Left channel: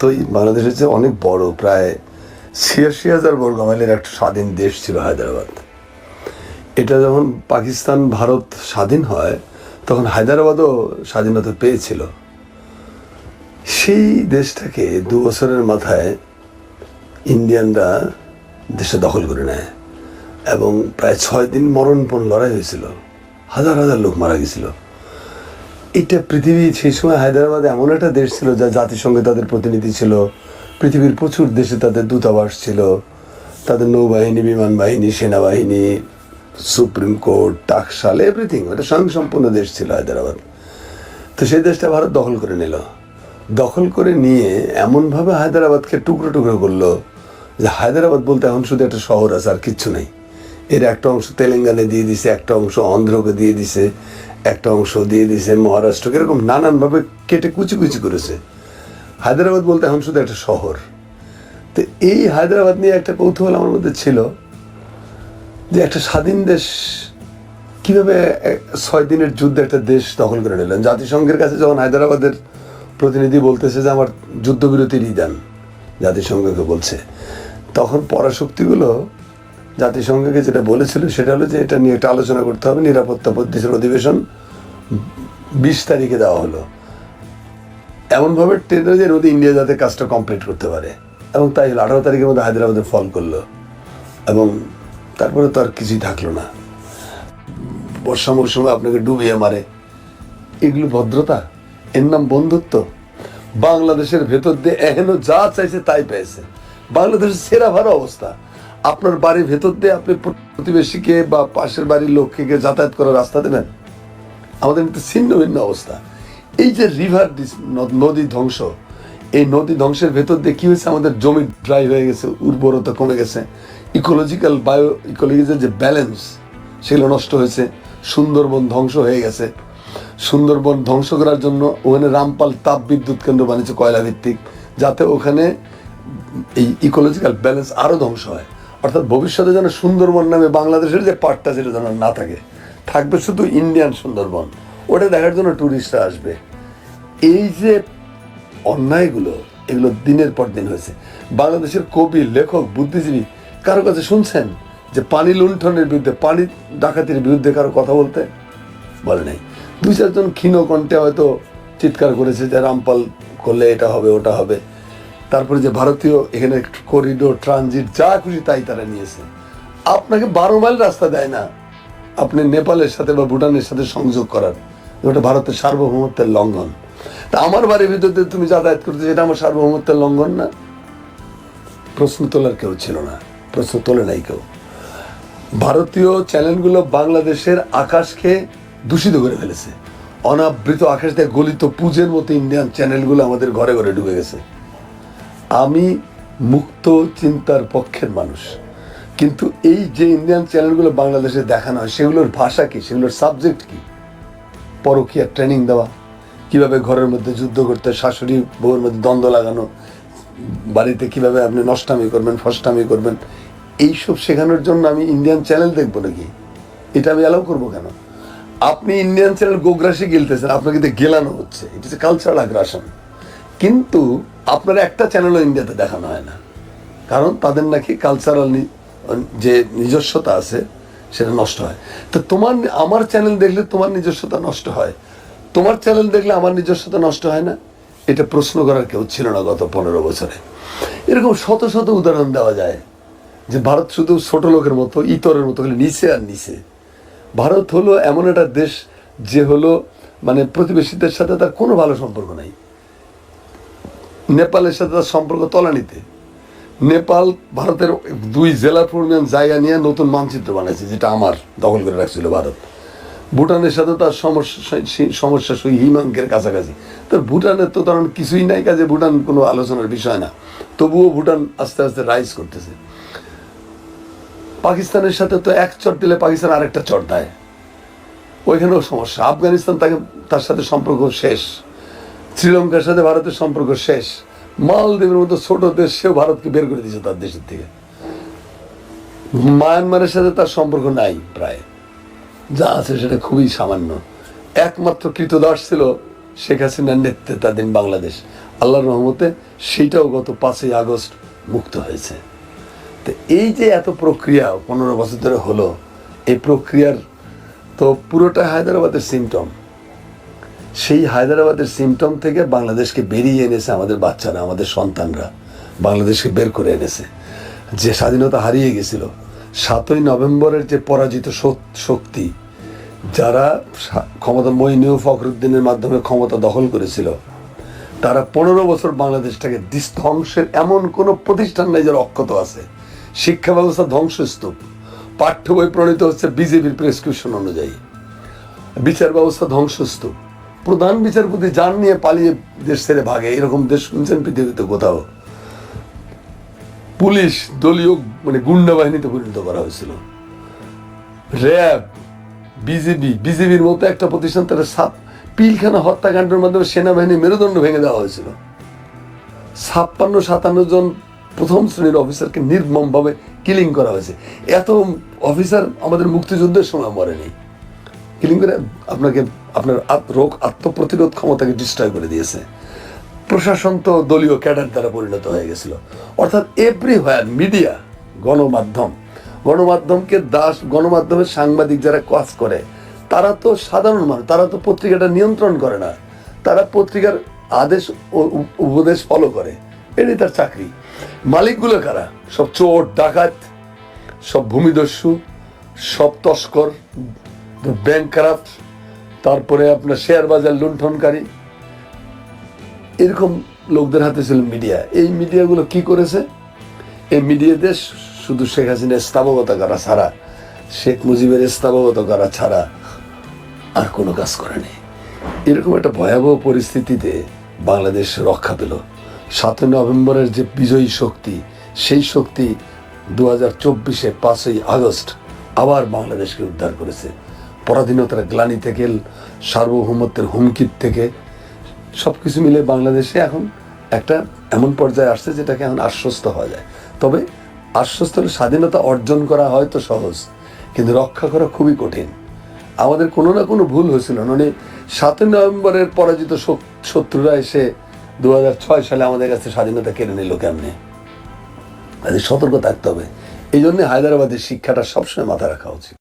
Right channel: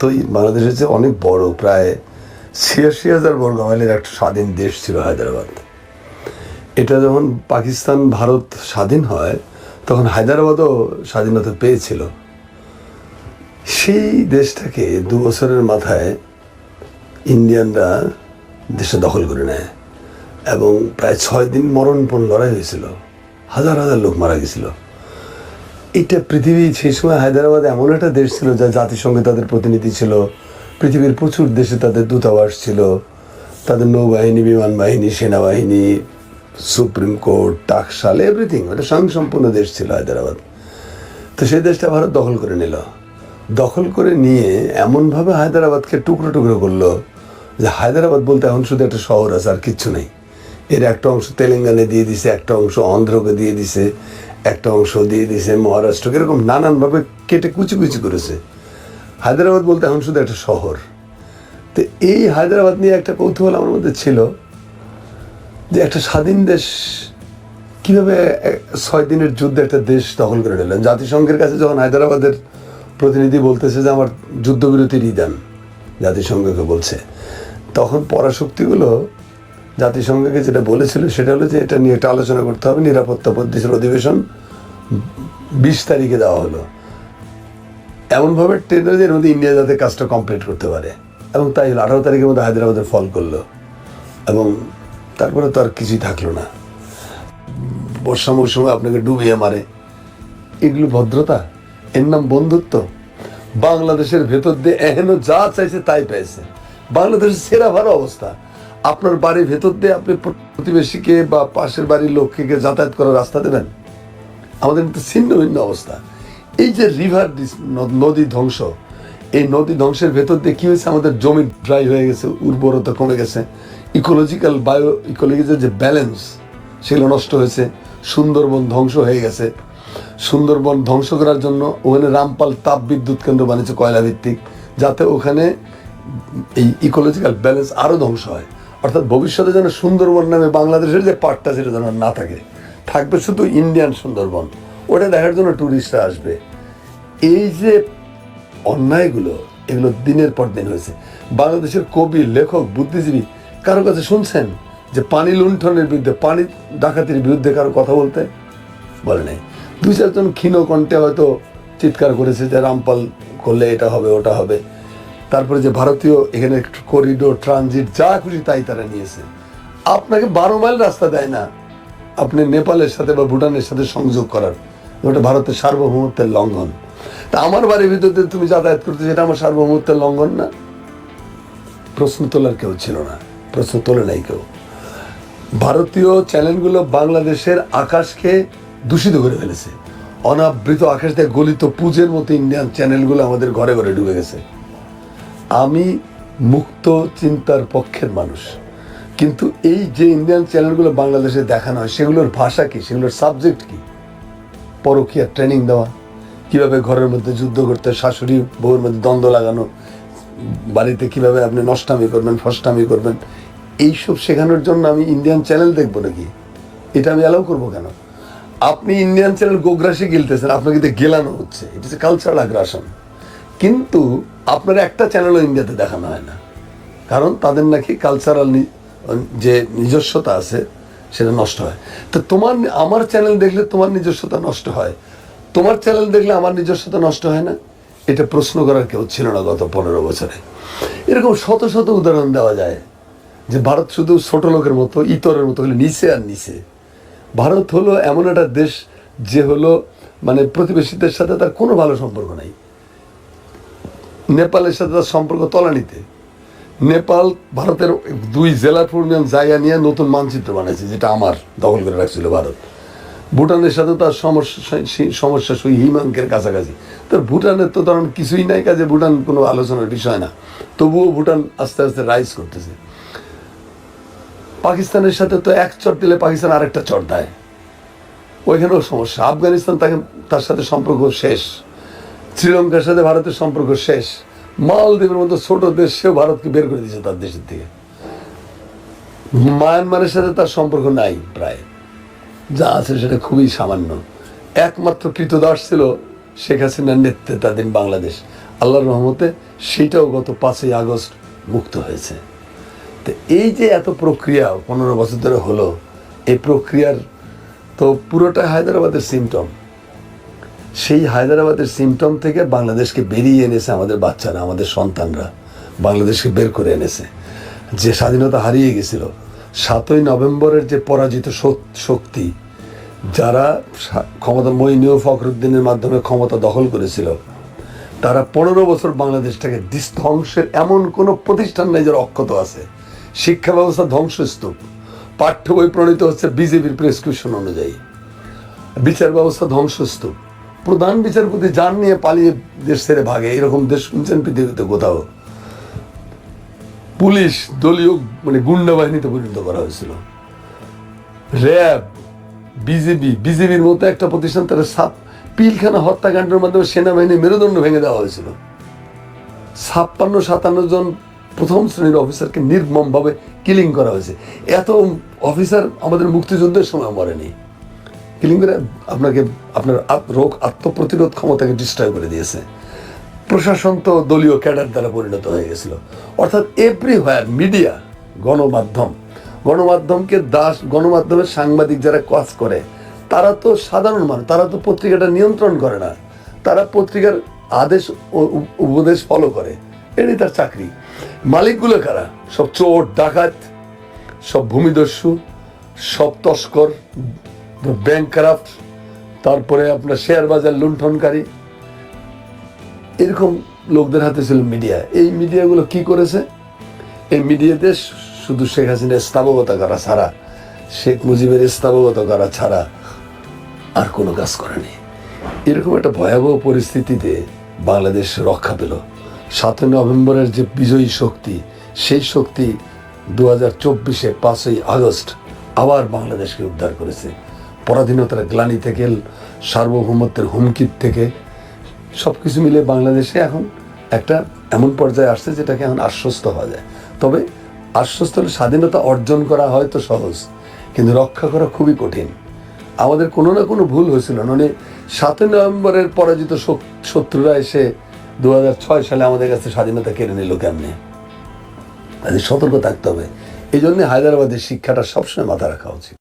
তো এই বাংলাদেশের চেয়ে অনেক বড়, প্রায় ছিয়াশি হাজার বর্গ মাইলের একটা স্বাধীন দেশ ছিল হায়দ্রাবাদ। এটা যখন পাকিস্তান, ভারত স্বাধীন হয়, তখন হায়দ্রাবাদও স্বাধীনতা পেয়েছিল। সেই দেশটাকে দু বছরের মাথায় ইন্ডিয়ানরা দেশটা দখল করে নেয় এবং প্রায় ছয় দিন মরণপণ লড়াই হয়েছিল। হাজার হাজার লোক মারা গেছিল। এটা পৃথিবী, সেই সময় হায়দ্রাবাদ এমন একটা দেশ ছিল যা জাতিসংঘে তাদের প্রতিনিধি ছিল। পৃথিবীর প্রচুর দেশে তাদের দূতাবাস ছিল। তাদের নৌবাহিনী বিমান বাহিনী সেনাবাহিনী, সুপ্রিম কোর্ট, টাকশাল এভরিথিং এটা স্বয়ংসম্পূর্ণ দেশ ছিল হায়দ্রাবাদ। তো সেই দেশটা ভারত দখল করে নিল। দখল করে নিয়ে এমনভাবে হায়দ্রাবাদকে টুকরো টুকরো করল যে হায়দ্রাবাদ বলতে এখন শুধু একটা শহর আছে, আর কিচ্ছু নেই। এর একটা অংশ তেলেঙ্গানে দিয়ে দিছে, একটা অংশ অন্ধ্রকে দিয়ে দিছে। একটা অংশ দিয়ে দিছে মহারাষ্ট্রকে, এরকম নানানভাবে কেটে কুচি কুচি করেছে। হায়দ্রাবাদ বলতে এখন শুধু একটা শহর। তো এই হায়দ্রাবাদ নিয়ে একটা কৌতূহল আমার মধ্যে ছিল যে একটা স্বাধীন দেশ কীভাবে ছয় দিনের যুদ্ধে একটা দেশ দখল করে নিলেন? জাতিসংঘের কাছে যখন হায়দ্রাবাদের প্রতিনিধি বলতেছে যে আমার যুদ্ধবিরতির ই দেন জাতিসংঘকে বলছে, তখন পরাশক্তিগুলো জাতিসংঘকে যেটা বলেছিল সেটা হলো যে এটা নিয়ে একটা আলোচনা করতে হবে, নিরাপত্তা পদ্ধতির অধিবেশন বিশ তারিখে দেওয়া হলো। এমনভাবে টেন্ডার যে মধ্যে ইন্ডিয়া যাতে কাজটা কমপ্লিট করতে পারে। এবং তাই হলো, আঠারো তারিখের মধ্যে হায়দ্রাবাদের ফল করল। এবং তারপরে তো আর কিছুই থাকল না। বর্ষা মৌসুমে আপনাকে ডুবিয়ে মারে। এগুলো ভদ্রতা, এর নাম বন্ধুত্ব। বাংলাদেশের ভেতর দিয়ে এহেন যা চাইছে তাই পেয়েছে। বাংলাদেশের সেরা ভালো অবস্থা। আপনার বাড়ির ভেতর দিয়ে আপনি প্রতিবেশীকে বা পাশের বাড়ির লোককে যাতায়াত করার রাস্তা দেবেন? আমাদের কিন্তু ছিন্ন ভিন্ন অবস্থা। এই যে রিভার নদী ধ্বংস, এই নদী ধ্বংসের ভেতর দিয়ে কি হয়েছে? আমাদের জমি ড্রাই হয়ে গেছে, উর্বরতা কমে গেছে। ইকোলজিক্যাল বায়ো ইকোলজিক্যাল যে ব্যালেন্স সেগুলো নষ্ট হয়েছে। সুন্দরবন ধ্বংস হয়ে গেছে। সুন্দরবন ধ্বংস করার জন্য ওখানে রামপাল তাপ বিদ্যুৎ কেন্দ্র বানিয়েছে কয়লা ভিত্তিক যাতে ওখানে এই ইকোলজিক্যাল ব্যালেন্স আরও ধ্বংস হয়। অর্থাৎ ভবিষ্যতে যেন সুন্দরবন নামে বাংলাদেশের যে পার্টটা সেটা যেন না থাকে, থাকবে শুধু ইন্ডিয়ান সুন্দরবন। ওটা দেখার জন্য ট্যুরিস্টরা আসবে। এই যে অন্যায়গুলো, এগুলো দিনের পর দিন হয়েছে। বাংলাদেশের কবি, লেখক, বুদ্ধিজীবী, কারও কাছে শুনছেন যে পানি লুণ্ঠনের বিরুদ্ধে, পানি ডাকাতির বিরুদ্ধে কারও কথা বলতে? বলে নাই। দুই চারজন ক্ষীণ কণ্ঠে হয়তো চিৎকার করেছে যে রামপাল করলে এটা হবে, ওটা হবে। তারপরে যে ভারতীয় এখানে করিডোর ট্রানজিট যা খুশি তাই তারা নিয়েছে। আপনাকে বারো মাইল রাস্তা দেয় না। আপনি নেপালের সাথে বা ভুটানের সাথে সংযোগ করার। ওটা ভারতের সার্বভৌমত্বের লঙ্ঘন। তা আমার বাড়ির ভিতরে তুমি যাতায়াত করতে সেটা আমার সার্বভৌমত্বের লঙ্ঘন না। প্রশ্ন তোলার কেউ ছিল না। প্রশ্ন তোলে নাই কেউ। ভারতীয় চ্যানেলগুলো বাংলাদেশের আকাশকে দূষিত করে ফেলেছে। অনাবৃত আকাশ দিয়ে গলিত পুজের মতো ইন্ডিয়ান চ্যানেলগুলো আমাদের ঘরে ঘরে ঢুকে গেছে। আমি মুক্ত চিন্তার পক্ষের মানুষ। কিন্তু এই যে ইন্ডিয়ান চ্যানেলগুলো বাংলাদেশে দেখানো হয়, সেগুলোর ভাষা কি? সেগুলোর সাবজেক্ট কি? পরকীয়া ট্রেনিং দেওয়া, কীভাবে ঘরের মধ্যে যুদ্ধ করতে, শাশুড়ি বউয়ের মধ্যে দ্বন্দ্ব লাগানো, বাড়িতে কীভাবে আপনি নষ্টামি করবেন, ফষ্টামি করবেন, এইসব শেখানোর জন্য আমি ইন্ডিয়ান চ্যানেল দেখব নাকি? এটা আমি অ্যালাউ করব কেন? আপনি ইন্ডিয়ান চ্যানেল গোগ্রাসে গিলতেছেন, আপনাকে গেলানো হচ্ছে। ইট ইস কালচারাল আগ্রাসন কিন্তু আপনার একটা চ্যানেলও ইন্ডিয়াতে দেখানো হয় না। কারণ তাদের নাকি কালচারাল যে নিজস্বতা আছে, সেটা নষ্ট হয়। তো তোমার আমার চ্যানেল দেখলে তোমার নিজস্বতা নষ্ট হয়। তোমার চ্যানেল দেখলে আমার নিজস্বতা নষ্ট হয় না? এটা প্রশ্ন করার কেউ ছিল না গত পনেরো বছরে। এরকম শত শত উদাহরণ দেওয়া যায় যে ভারত শুধু ছোট লোকের মতো, ইতরের মতো হলে নিচে আর নিচে। ভারত হলো এমন একটা দেশ যে হলো মানে প্রতিবেশীদের সাথে তার কোনো ভালো সম্পর্ক নাই। নেপালের সাথে তার সম্পর্ক তলানিতে। নেপাল ভারতের দুই জেলা পরিমাণ জায়গা নিয়ে নতুন মানচিত্র বানাইছে, যেটা আমার দখল করে রাখছিল ভারত। ভুটানের সাথে তার সমস্যা সমস্যা সেই হিমাঙ্কের কাছাকাছি। তার ভুটানের তো ধরেন কিছুই নাই কাজে, ভুটান কোনো আলোচনার বিষয় না। তবুও ভুটান আস্তে আস্তে রাইজ করতেছে। পাকিস্তানের সাথে তো এক চট দিলে পাকিস্তান আরেকটা চট দেয়। ওইখানেও সমস্যা। আফগানিস্তান তাকে তার সাথে সম্পর্ক শেষ। শ্রীলঙ্কার সাথে ভারতের সম্পর্ক শেষ। মালদ্বীপের মতো ছোট দেশ সেও ভারতকে বের করে দিয়েছে তার দেশের থেকে। মায়ানমারের সাথে তার সম্পর্ক নাই প্রায়। যা আছে সেটা খুবই সামান্য। একমাত্র কৃতদাস ছিল শেখ হাসিনার নেতৃত্বাধীন বাংলাদেশ। আল্লাহর রহমতে সেটাও গত পাঁচই আগস্ট মুক্ত হয়েছে। তো এই যে এত প্রক্রিয়া পনেরো বছর ধরে হলো, এই প্রক্রিয়ার তো পুরোটা হায়দ্রাবাদের সিমটম সেই হায়দ্রাবাদের সিমটম থেকে বাংলাদেশকে বেরিয়ে এনেছে আমাদের বাচ্চারা, আমাদের সন্তানরা। বাংলাদেশকে বের করে এনেছে। যে স্বাধীনতা হারিয়ে গেছিল, সাতই নভেম্বরের যে পরাজিত শক- শক্তি, যারা ক্ষমতা মইনীয় ফখরুদ্দিনের মাধ্যমে ক্ষমতা দখল করেছিল, তারা পনেরো বছর বাংলাদেশটাকে ধ্বংসের এমন কোনো প্রতিষ্ঠান নেই যারা অক্ষত আছে। শিক্ষা ব্যবস্থা ধ্বংসস্তূপ। পাঠ্য বই প্রণীত হচ্ছে বিজেপির প্রেসক্রিপশন অনুযায়ী। বিচার ব্যবস্থা ধ্বংসস্তূপ। প্রধান বিচারপতি যান নিয়ে পালিয়ে দেশ ছেড়ে ভাগে। এরকম দেশ শুনছেন পৃথিবীতে কোথাও? পুলিশ দলীয় মানে গুন্ডা বাহিনীতে পরিণত করা হয়েছিল। র্যাব বিজেপি বিজেপির মতো একটা প্রতিষ্ঠান তারা সাপ পিলখানা হত্যাকাণ্ডের মাধ্যমে সেনাবাহিনী মেরুদণ্ড ভেঙে দেওয়া হয়েছিল। ছাপ্পান্ন, সাতান্ন জন প্রথম শ্রেণির অফিসারকে নির্মমভাবে কিলিং করা হয়েছে। এত অফিসার আমাদের মুক্তিযুদ্ধের সময় মরেনি। কিলিং করে আপনাকে, আপনার রোগ আত্মপ্রতিরোধ ক্ষমতাকে ডিস্ট্রয় করে দিয়েছে। প্রশাসন তো দলীয় ক্যাডার দ্বারা পরিণত হয়ে গেছিল। অর্থাৎ এভরিহোয়ার মিডিয়া গণমাধ্যম, গণমাধ্যমকে দাস, গণমাধ্যমের সাংবাদিক যারা কাজ করে, তারা তো সাধারণ মানুষ, তারা তো পত্রিকাটা নিয়ন্ত্রণ করে না। তারা পত্রিকার আদেশ উপদেশ ফলো করে। এটাই তার চাকরি। মালিকগুলো কারা? সব চোর, ডাকাত, সব ভূমিদস্যু, সব তস্কর ব্যাংক ক্রাফট তারপরে আপনার শেয়ার বাজার লুণ্ঠনকারী, এরকম লোকদের হাতে ছিল মিডিয়া এই মিডিয়াগুলো কি করেছে? এই মিডিয়াতে শুধু শেখ হাসিনার স্থাবকতা করা ছাড়া, শেখ মুজিবের স্থাবকতা করা ছাড়া আর কোনো কাজ করেনি। এরকম একটা ভয়াবহ পরিস্থিতিতে বাংলাদেশ রক্ষা পেল। সাতই নভেম্বরের যে বিজয়ী শক্তি, সেই শক্তি দু হাজার চব্বিশে পাঁচই আগস্ট আবার বাংলাদেশকে উদ্ধার করেছে। পরাধীনতার গ্লানি থেকে, সার্বভৌমত্বের হুমকির থেকে সব কিছু মিলে বাংলাদেশে এখন একটা এমন পর্যায়ে আসছে যেটাকে এখন আশ্বস্ত হওয়া যায়। তবে আশ্বস্ত হলে স্বাধীনতা অর্জন করা হয়তো সহজ, কিন্তু রক্ষা করা খুবই কঠিন। আমাদের কোনো না কোনো ভুল হয়েছিল। মানে সাতই নভেম্বরের পরাজিত শত্রুরা এসে দু সালে আমাদের কাছে স্বাধীনতা কেড়ে নিল কেমনে? কাজে সতর্ক থাকতে হবে। এই জন্য হায়দ্রাবাদের শিক্ষাটা সবসময় মাথায় রাখা উচিত।